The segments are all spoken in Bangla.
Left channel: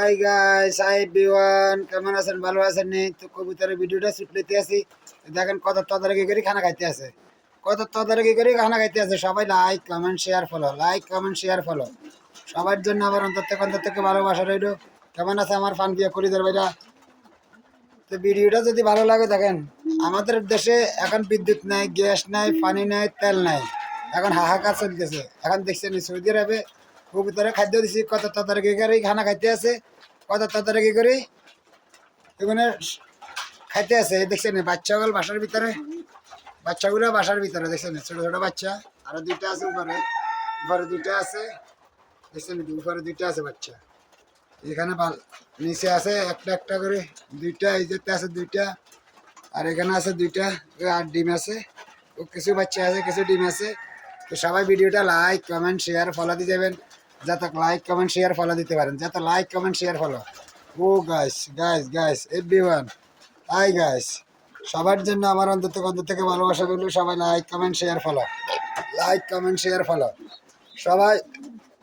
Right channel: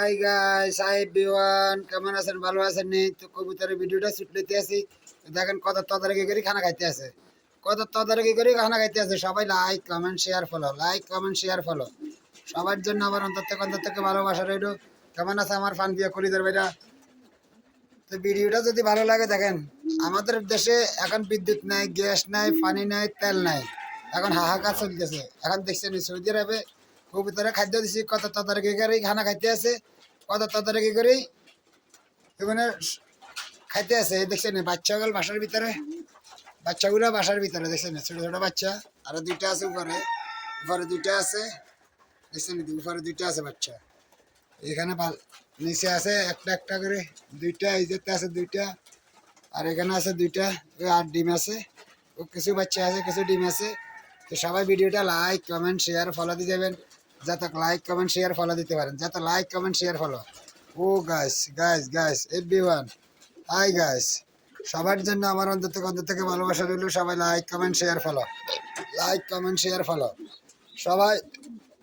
হাই গাইস, হাই এভরিওয়ান, কেমন আছেন? ভালো আছেন? নি তো কবুতরের ভিডিওটা শুট নিতে আসি। দেখেন কত তদারকি করে খানা খাইতে আছে, কত তদারকি করে খানা খাইতে আছে। সবাই like comment share follow, like comment share follow. সবার জন্য আমার অন্তর থেকে ভালোবাসা রইল। কেমন আছে আমার ফান দিয়ে করিদের ভাইরা? তো ভিডিওটা যদি ভালো লাগে দেখেন, আমাদের দেশে এখন বিদ্যুৎ নাই, গ্যাস নাই, পানি নাই, তেল নাই। এখন হাহাকার চলতেছে। এখন দেখছেন সৌদি আরবে কবুতরে খাদ্য দিছি, কত তদারকি করে খানা খাইতে আছে, কত তদারকি করে এখানে খাইতে আছে। দেখছেন বাচ্চাগুলো বাসার ভিতরে, বাচ্চাগুলো বাসার ভিতরে দেখছেন, ছোট ছোট বাচ্চা। আর দুইটা আছে উপরে, উপরে দুইটা আছে। দেখছেন উপরে দুইটা আছে বাচ্চা। এখানে নিচে আছে একটা একটা করে দুইটা, এই যেতে আছে দুইটা, আর এখানে আছে দুইটা। আর ডিম আছে, ও কিছু বাচ্চা আছে, কিছু ডিম আছে। তো সবাই ভিডিওটা লাইক কমেন্ট শেয়ার ফলো দিয়ে যাবেন, যাতে লাইক কমেন্ট শেয়ার ফলো দিতে পারেন, যাতে লাইক কমেন্ট শেয়ার ফলো। ও guys guys guys everyone, hi guys, সবার জন্য আমার অন্তর থেকে ভালোবাসা দিল। সবাই like comment share follow, like comment share follow. সবাই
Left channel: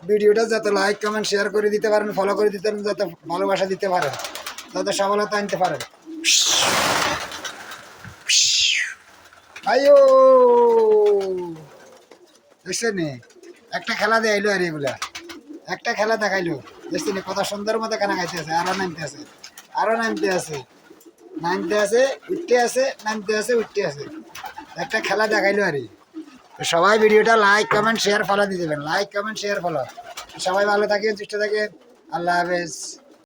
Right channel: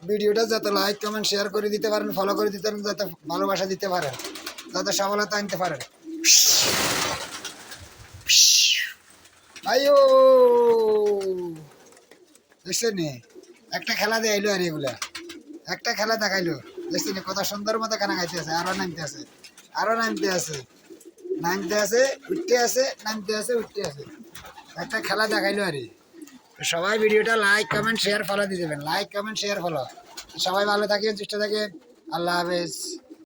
ভিডিওটা যাতে লাইক কমেন্ট শেয়ার করে দিতে পারেন, ফলো করে দিতে পারেন, যাতে ভালোবাসা দিতে পারেন, যাতে সফলতা আনতে পারেন। আয়ো দেখছেন একটা খেলা দিয়ে আইলো, আর এগুলা একটা খেলা দেখাইলো। দেখছেন কত সুন্দর মতো খানা খাইতে আছে। আরো নামতে আছে, আরো নামতে আছে, নামতে আছে, উঠতে আছে, নামতে আছে, উঠতে আছে। একটা খেলা দেখাইলো আর। সবাই ভিডিওটা লাইক কমেন্ট শেয়ার ফলো দিয়ে দেবেন, লাইক কমেন্ট শেয়ার ফলো। সবাই ভালো থাকেন, সুস্থ থাকেন। আল্লাহ হাফেজ।